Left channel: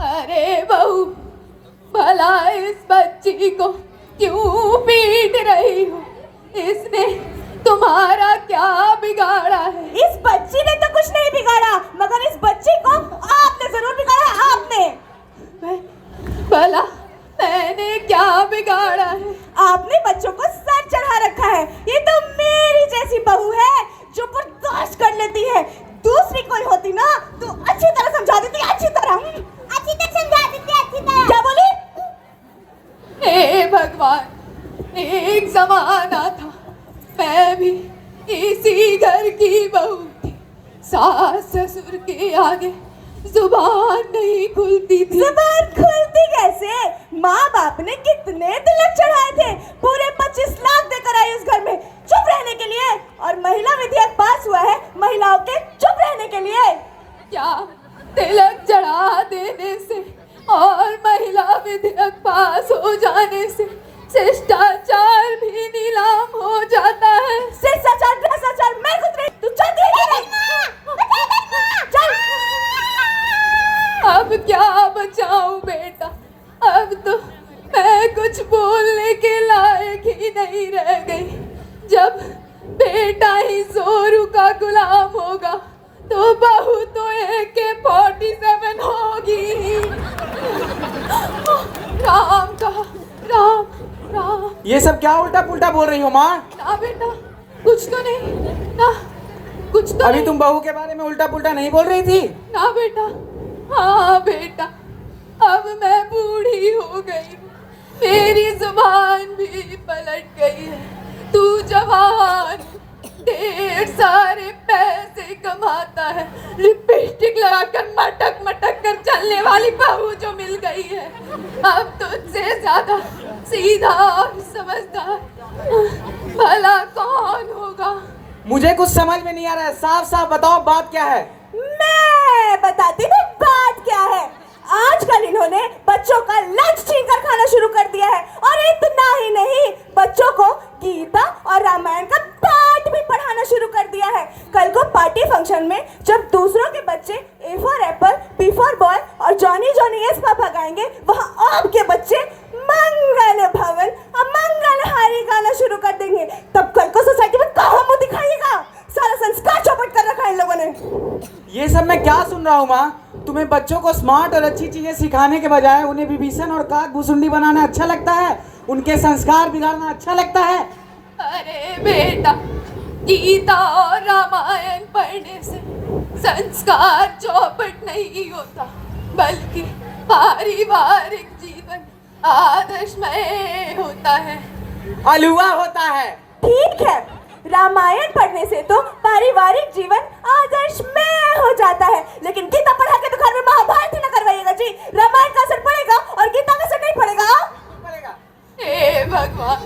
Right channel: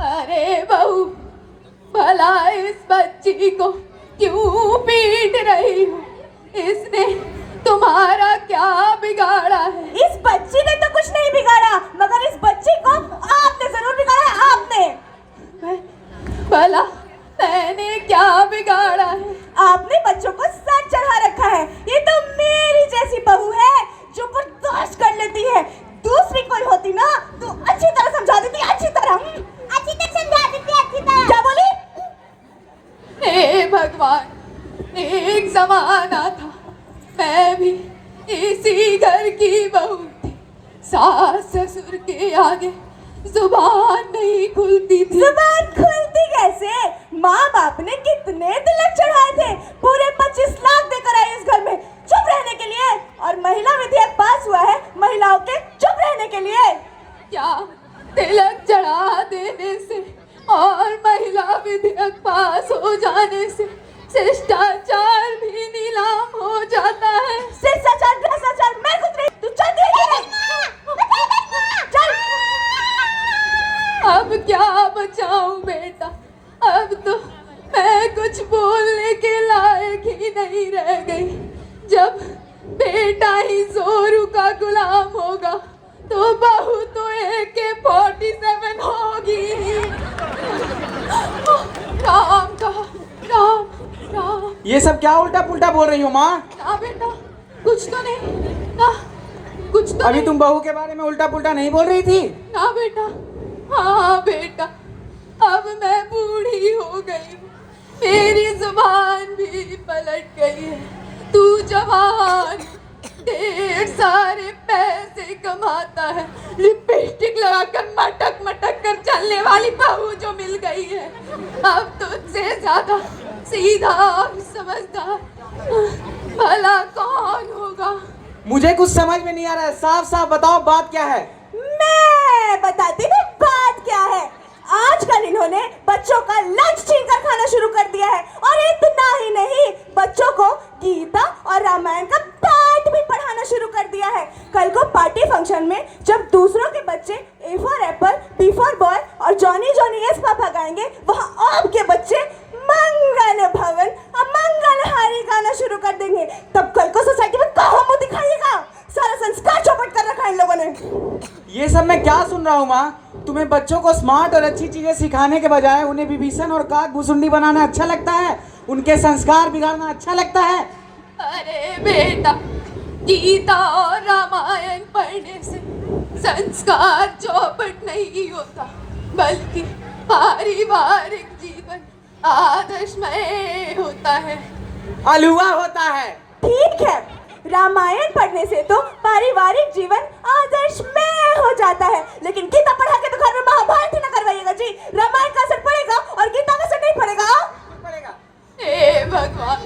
अरे बहू, भला इस बच्ची को क्यों पीट रही हो? इसने तुम्हारा क्या बिगाड़ा है? इस बच्ची ने तो कुछ नहीं बिगाड़ा, मगर इस बच्ची को आपने जरूर बिगाड़ा है। आपने भला मैंने क्या बिगाड़ा है? आपने बच्चों को सर चढ़ा रखा है। ये तो मेरी जैसी बहू है जो बर्दाश्त कर लेती है। दूसरी कोई होती ना तो अच्छी तरह समझा देती, अच्छी तरह समझा देती, अच्छी तरह। क्या बोली? हे भगवान, एक जमाना था मैं भी इसी घर की बहू थी। सास ससुर के आगे जुबान नहीं खुलती थी। जुबान खुलती कैसे? माँ बाप ने कितने तिलक चढ़ाए थे, पूरे 25 लाख देकर आई इस घर में चुप रहने के लिए। और महिला विधेयक पास हुआ है महिलाओं के चुप रहने के लिए। क्या तिलक चढ़ा देने से और महिला विधेयक पास हो जाने से शिष्टाचार भी नीलाम हो जाता है? शिष्टाचार भ्रष्टाचार मैं कुछ नहीं, तू चल दे। चल। अब क्या बचाऊं बेटा? अब तो मैं कुछ बोलने के लायक ही नहीं रह गई। जब बेटा ही जोरू का गुलाम होगा तो बहू तो AK-47 होगी। राम का राम राम। ये सब क्या उल्टा पुल्टा बोल रही हो माँ? ना बेटा, कुछ तो नहीं ना, कुछ तो अभी नहीं। तुम बहू के बारे में उल्टा पुल्टा नहीं बोल रही थी? ना बेटा, हाँ बेटा, अब मैं बूढ़ी हो गई, मेरी जुबान भी पलट गई है। तू जवान, ढेर सारे पैसे कमाता है, लिपस्टिक लगाकर मटक मटक कर चलने वाली बहू जो मिल गई है, अब तुझसे ज्यादा सीधा और समझदार भला कौन होगा? मुझे कुछ समझ में नहीं आ रहा है, साफ साफ बताओ बात क्या है? मैं बताती हूँ बात क्या है। आजकल इन्होंने बच्चों का लंच छीनकर खाना शुरू कर दिया है, और इतना ही नहीं, बच्चों को गीता और रामायण का पाठ भी पढ़ाना शुरू कर दिया है। कल को पार्टी फंक्शन में जब दूसरों के बच्चे A for Apple, B for boy और जॉनी जॉनी यस पापा गाएंगे, वहाँ आपके बच्चे मंगल भवन मंगल हारी गाना शुरू कर देंगे। तब कल को सोसाइटी में कहाँ मुँह दिखाइएगा? सारा संस्कार चौपट कर रखा है इन लोगों ने। ये सब मैं क्या सुन रहा हूँ माँ? तुम्हें बच्चों को स्मार्ट और अच्छी चीजें सिखाने के बजाय उन्हें विभीषण और काक भुसुंडी बनाना अच्छा लगता है, उनके संस्कार बिगाड़ना अच्छा लगता है। अरे बेटा, गीता और रामायण पढ़ने से संस्कार चौपट नहीं होता, बल्कि पारिवारिक जीवन आदर्शमय होता है। हलवा होता है। ठीक है, रामायण पढ़ने से तो पारिवारिक जीवन आदर्शमय हो जाता है, लेकिन गीता पढ़ा के तो घर में महाभारत ही न करवाइएगा जी। रामायण का असर पड़ेगा और गीता का असर नहीं पड़ेगा। हे भगवान,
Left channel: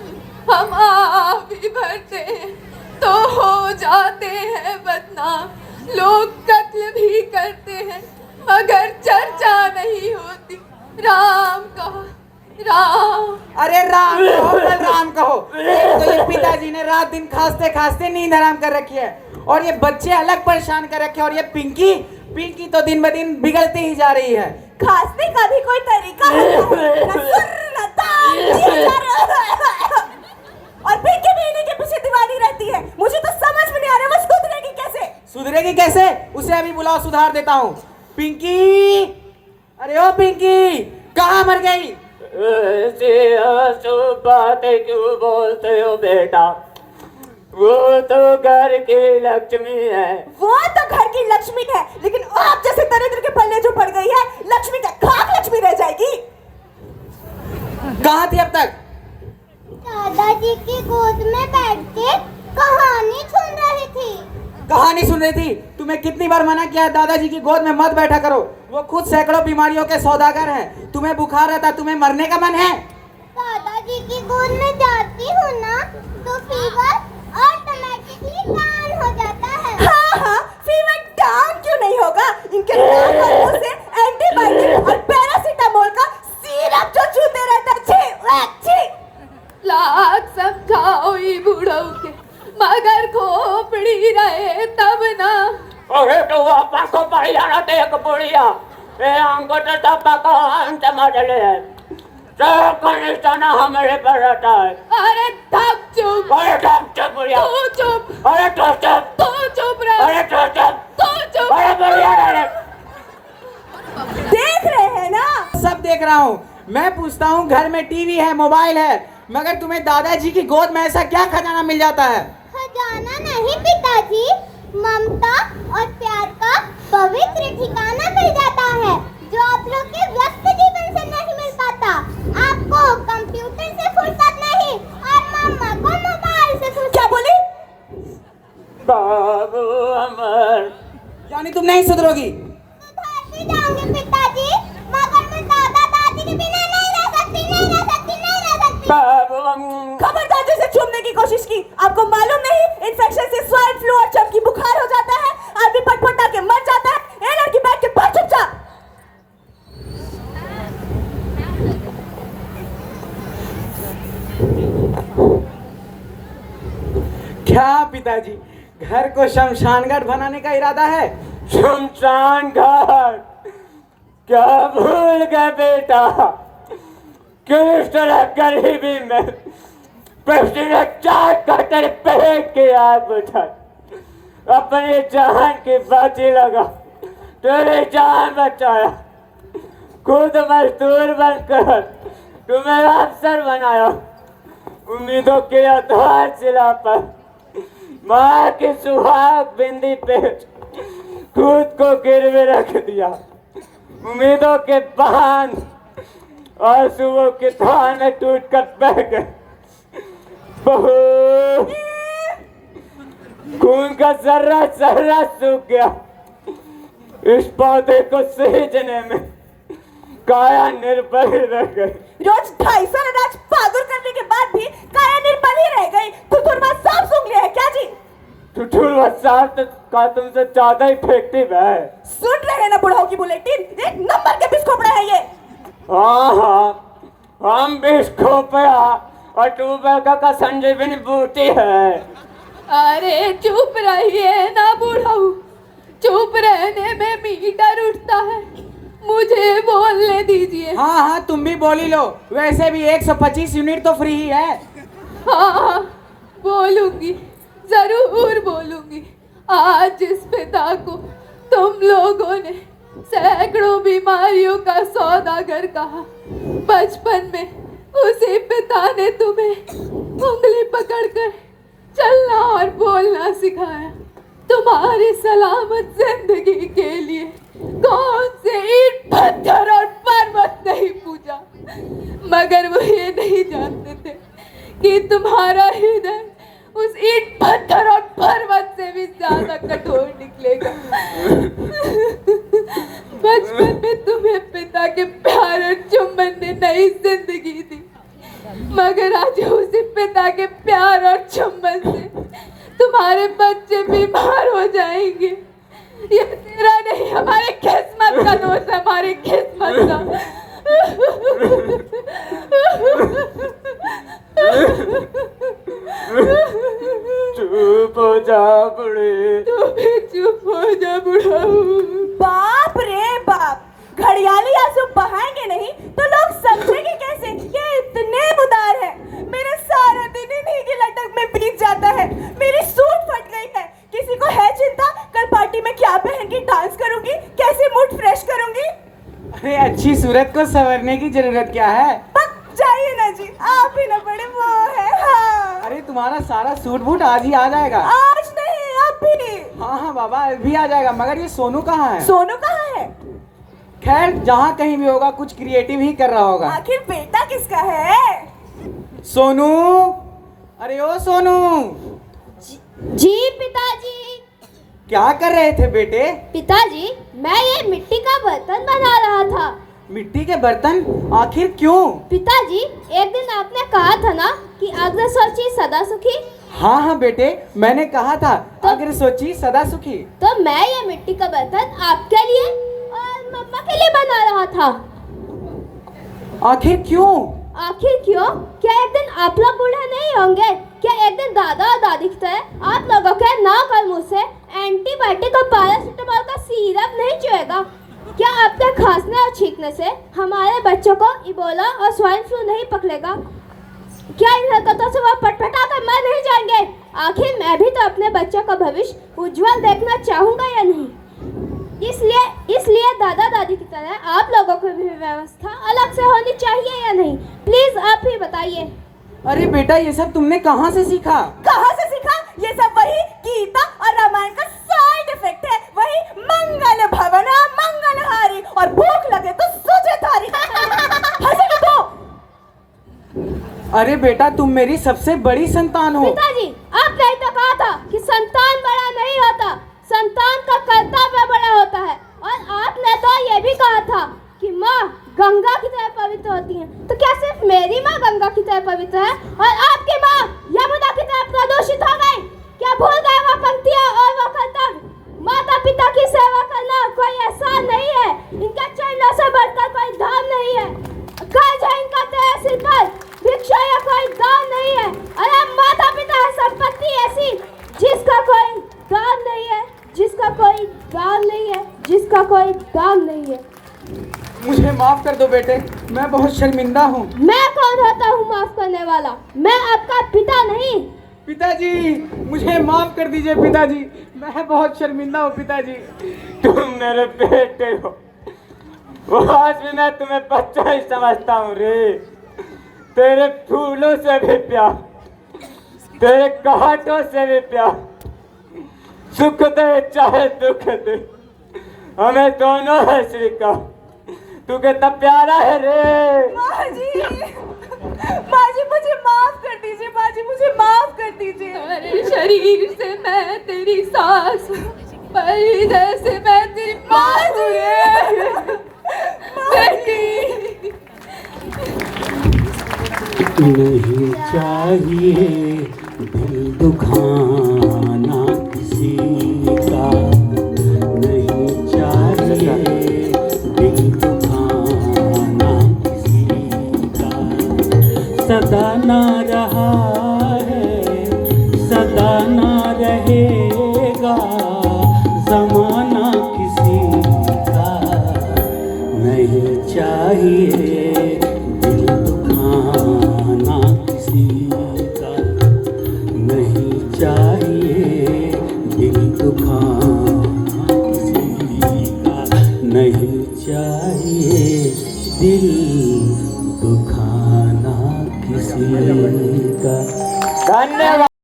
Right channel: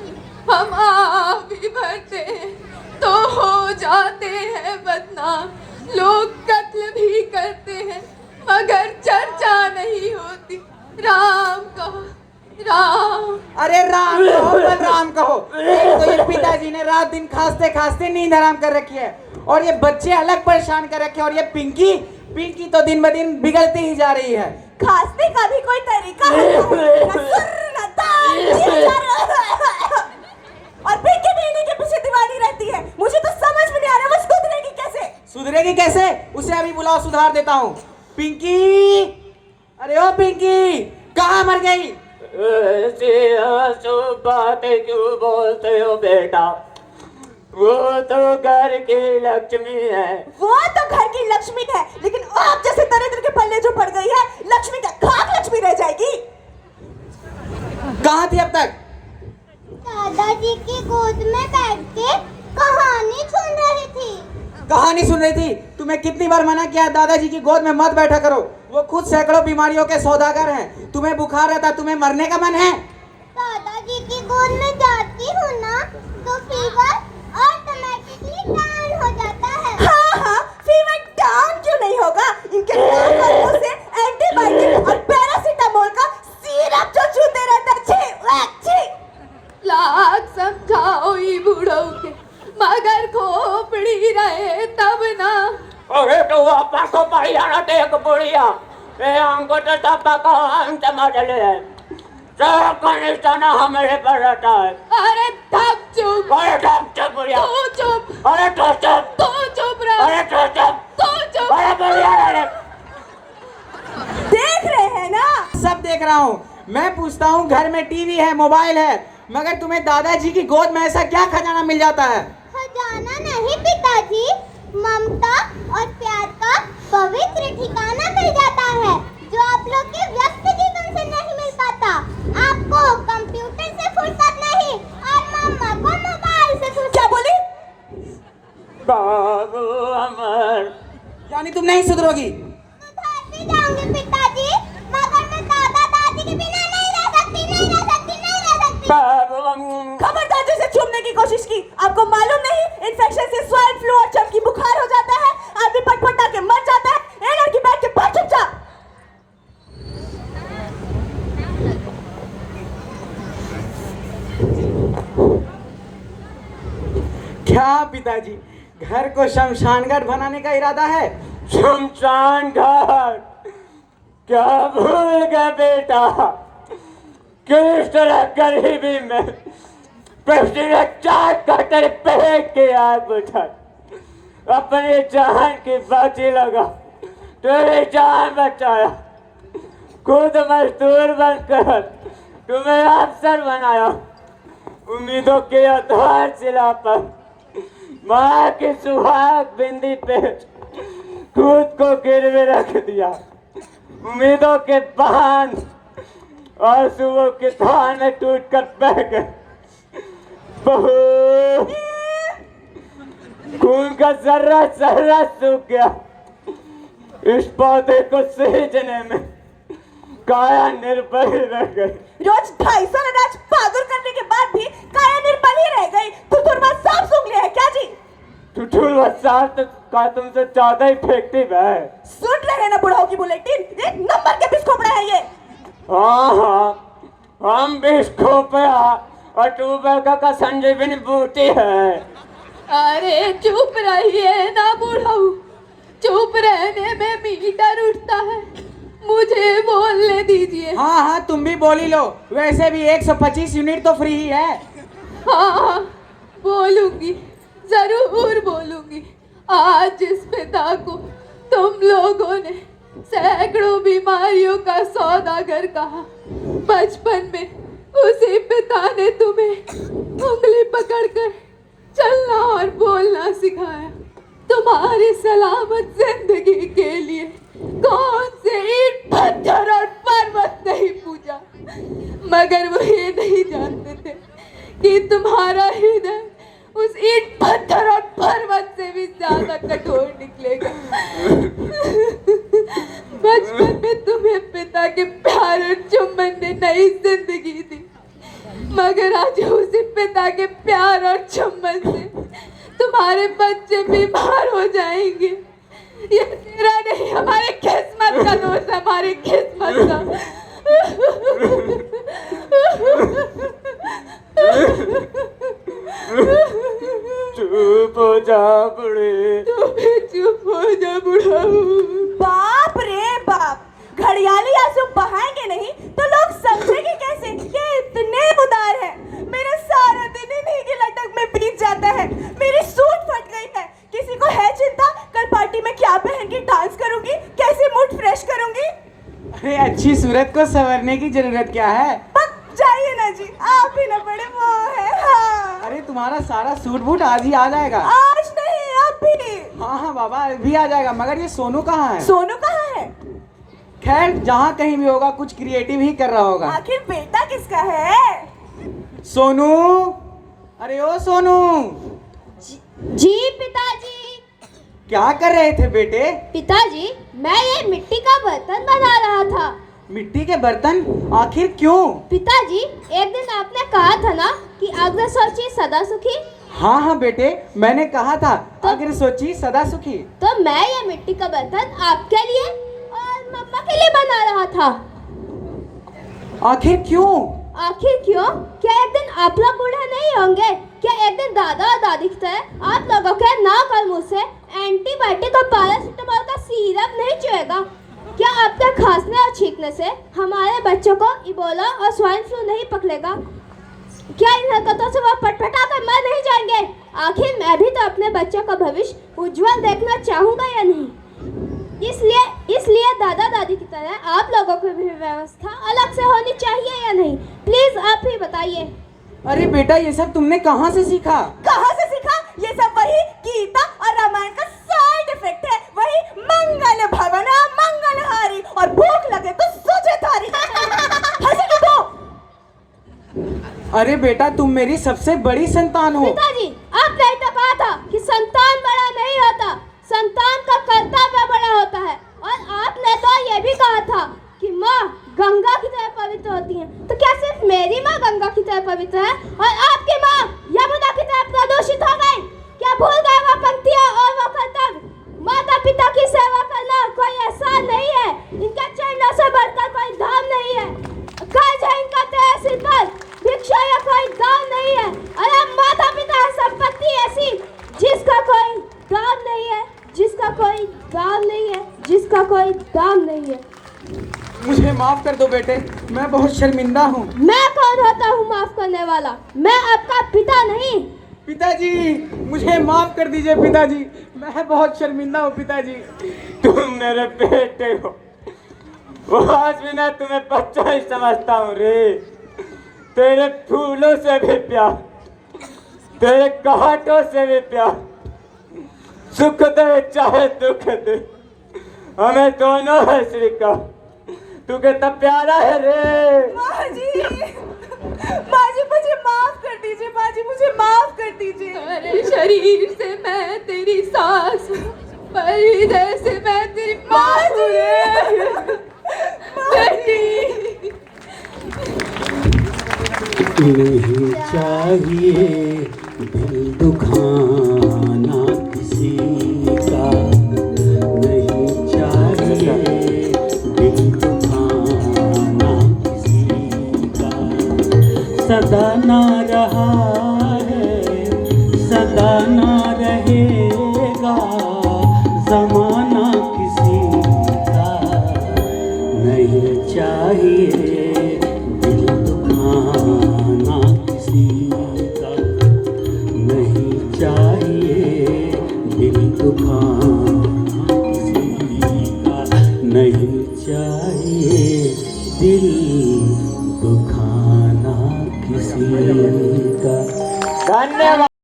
हम आवी भरते हैं तो हो जाते हैं बदनाम, लोग कत्ल भी करते हैं मगर चर्चा नहीं होती। राम कहो, राम। अरे राम कहो, राम कहो। एक तो ये पिताजी ने रात दिन खांसते खांसते नींद हराम कर रखी है, और ये बच्चे अलग परेशान कर रखे हैं, और ये पिंकी तो दिन ब दिन बिगड़ती ही जा रही है। खांसने का भी कोई तरीका और पिंकी भी इन्हीं के पीछे दीवानी रहती है। मुझे तो समझ में नहीं आ रहा वो सुधरेगी कैसे? सुधरेगी कैसे? उसे अभी बुलाओ, सुधार देता हूँ। पिंकी, अरे ओ पिंकी, कहाँ मर गई? बातें क्यों बोलते हो बेटा? वो तो घर की लक्ष्मी है। वो तो घर की लक्ष्मी है, लेकिन आप जैसे दरिद्र के पल्ले जो पड़ गई है, लक्ष्मी का खाक लक्ष्मी रह जाएगी। कहाँ थी अब तक? दादाजी की गोद में बैठ के कहानी सुन रही थी। कहानी सुन रही थी? तुम्हें कितनी बार मना किया दादाजी की गोद में मत बैठा करो, वो खुद सैकड़ों बीमारियों के सौदागर हैं। तुम्हें बुखार आता, तुम्हें मरने का मन है? दादाजी की गोद में जाती हूँ ना तो फीवर ऑटोमेटिकली डाउन हो जाता है। हाँ, फीवर डाउन क्यों नहीं होगा? इनके नाक से एंटीबायोटिक और पैरासीटामोल का सिरप जो चूते रहते हैं। लाख समझाओ ई बूढ़ों के, मगर खोपड़ी रहे तब ना। अरे तो आपा को बढ़िया ना देख बुढ़िया, ये अंगूठा तो पकवान टमाटर है, सब का निशाना हमारे पर रहता है। अरे थक चुप, अरे चुप बुढ़िया, तू चुप, अरे चुप, तू चुप रह, अरे चुप, तू चुप। अरे बुढ़िया। देख रहे हैं ना? सब देख रहा हूँ। मैं पूछता हूँ, घर में टीवी है, मोबाइल है, मगर तुम्हें दादाजी की गोद में ऐसा क्या खजाना मिल जाता है? खजाना नहीं पिताजी, ममता और प्यार का पवित्र ठिकाना मिल जाता है, जो आप लोग के व्यस्त जीवन से नहीं मिल पाता। आपको कंप्यूटर से फुर्सत नहीं और मम्मा को मोबाइल से फुर्सत। क्या बोली? बाबू अमर, यानी तुम नहीं सुधरोगी? सुधर भी जाऊंगी पिताजी, मगर मैं दादा दादी के बिना नहीं रह सकती, नहीं रह सकती, नहीं रह सकती। बाबू खबरदार जैसे चूमने की कोशिश की। आपको मालूम नहीं, इन्फेक्शन से स्वाइन फ्लू और चमकी बुखार हो जाता है, आदमी पटपटा के मर जाता है। ए लड़की बैठ के पढ़ चुपचाप। क्या पिताजी, घर को शमशान घाट बनाने का इरादा है? शमशान घाट क्या भूल गए बेटा, किस तरह गरीबी में प्रेसिडेंट चार कटर पेट के आग बुझा, अपनी जान की बाजी लगा, तेरी जान बचाया, खुद मजदूर बनकर तुम्हें अफसर बनाया, उम्मीदों के आधारशिला पर माँ की सुहाग बिंदी पे खुद को गिरवे रख दिया, उम्मीदों के बांध और सुबह के धान में टूट कर बह गए। बहू, खून का जर्रा जर्रा सूख गया, इस पौधे को सींचने में काया निर्बल रह गई। रोज 250 अनाज पागल करने के बाद भी काया निर्बल ही रह गई। तुतुरवा सांप सूंघ लिया है क्या जी? टुटुल सांप का तुमसे ज्यादा इफेक्टिव है। सुन रहे हैं ना बुढ़ाओ की बुलेटिन, एक नंबर के बिस्कोपड़े हैं ये। हाँ, हम भी इसको पे और ट्यूबवेल का संजीवनी बूटी है। अरे चुप रहिए ना बुढ़ाऊ, चुप रहने में मीटर उठता है, मुझे बोलने दीजिए। हाँ हाँ, तुम भी बोली लो, वैसे भी 125 यूनिट तो फ्री ही है। हाँ, बोलूंगी, जरूर बोलूंगी। आज जिस पिता को तुम लोगों ने सैकड़ों बीमारियों का सौदागर कहा, बचपन में उसी पिता ने तुम्हें उंगली पकड़कर चलना और बोलना सिखाया। तुम्हारी सलामत जिंदगी के लिए कौन से ईंट पत्थर और पर्वत नहीं पूजा, मगर वो ये नहीं जानते थे कि तुम्हारा हृदय उस ईंट पत्थर और पर्वत से भी ज्यादा कठोर निकलेगा। बचपन में तुम्हें पिता के प्यार और चुम्बन ने नई जिंदगी दी, मगर आज उसी पिता के प्यार और चुम्बन से तुम्हारे बच्चे बीमार हो जाएंगे। ये तेरा नहीं, हमारी किस्मत का दोष है, हमारी किस्मत का। चुप हो जा बड़े, तू भी चुप हो जा बुढ़ाऊ। बाप रे बाप, घड़ियाली आंसू बहाएंगे नहीं तो लोग समझेंगे कैसे कि इतने उदार है। मेरा सारा दिन इन्हीं की लटक में बीत जाता है। मेरी सूट फट गई है, किसी को है चिंता कल पार्टी में क्या पहन के डांस करूंगी, कैसे मूड फ्रेश करूंगी? अरे अच्छी सूरत को संवरने की जरूरत क्या है? पक जाइए ना जी, आप ही ना बड़े वो है। हाँ, अरे तुम्हारा सारा सूट बूट आज ही आ जाएगा। आज नहीं अभी। हाँ हाँ बाबा, अभी आ जाएगा। मगर ये सोनू कहाँ है? सोनू कहाँ है? खैर, जहाँ कहीं भी होगा कुछ क्रिएटिव ही कर रहा होगा। आखिर बेटा किसका है? सोनू, अरे ओ सोनू, जी पिताजी। क्या कर रहे थे बेटे? पिताजी, मैं ये मिट्टी का बर्तन बना रहा था। मिट्टी के बर्तन? आखिर क्यों? पिताजी, एक दिन आपने कहा था ना कि अग्र सोची सदा सुखी। हाँ हाँ बेटे, मैंने कहा था अगर सोची सदा सुखी। तो मैं ये मिट्टी का बर्तन आपके लिए और मम्मा के लिए बना रहा था। आखिर क्यों? आखिर क्यों? क्या एक दिन आप लोग बूढ़े नहीं होंगे? क्या एक दिन दादा और दादी की तरह आप लोगों के नाक और मुंह से एंटीबायोटिक और पैरासिटामोल का सिरप नहीं चुएगा? क्या आपके खांसने और छींकने से हमारे बच्चों को इबोला और स्वाइन फ्लू नहीं पकड़ेगा? क्या इन हरकतों से वो पटपटा कर मर नहीं जाएंगे? आखिर मैं भी तो अपने बच्चों का भविष्य उज्जवल देखना चाहूंगा या नहीं? इसलिए दादा दादी की तरह आप लोगों की भी व्यवस्था अलग से होनी चाहिए या नहीं? प्लीज आप ही बताइए। अरे बेटा, ये सब तुमने कहाँ से सीखा? कहाँ से सीखा? ये सब वही गीता और रामायण का साइड इफेक्ट है। वही मंगल भवन मंगलहारी और भूख लगे तो सूझे थारी। हंसी क्यों तो? अरे बेटा, तुम मेरी सबसे बड़ी संतान हो। पिताजी, आपने ही तो कहा था कि संतान बड़ा नहीं होता, संतान का कर्तव्य बड़ा होता है। और आपने तो ये भी कहा था कि माँ गंगा की तरह पवित्र होती है। तो क्या सिर्फ मेरी माँ गंगा की तरह पवित्र है और आपकी माँ यमुना की तरह प्रदूषित हो गई? क्या भूल गए वो पंक्तियाँ और वो कर्तव्य? माता पिता की सेवा करना कोई एहसान नहीं है, इनके चरणों से बढ़कर कोई धाम नहीं है। कर्ज है इनका तेरे सिर पर, भिक्षा या कोई दाम नहीं है। अरे माता पिता है संपत्ति ऐसी जिसका कोई दाम नहीं है, जिसका कोई दाम नहीं है, जिसका कोई दाम नहीं है। मुझे माफ कर दो बेटे, मैं बहुत शर्मिंदा हूँ। मैं कौन होता हूँ माफ करने वाला? मैं आपका पिता नहीं। पिताजी, मुझे माफ कर दीजिए पिताजी, मैं बहुत शर्मिंदा हूँ पिताजी। तुम मेरे बेटे हो, वो आज भी मैं तुम्हें बच्चा ही समझता हूँ रे। तेरे फूलों से भी प्यार, तेरे कहाटों से भी प्यार, सुख दे चाहे दुख दे, हमें दोनों है स्वीकार। तू कितना प्यारा है रे। माँ जी मुझे माफ कर दीजिए। माँ जी मुझे माफ कर दीजिए। तुम्हारे शरीर से मैं तेरी सांस हूँ, पर हृदय से मैं तेरी माँ हूँ। नहीं चाहिए दिल दुखाना किसी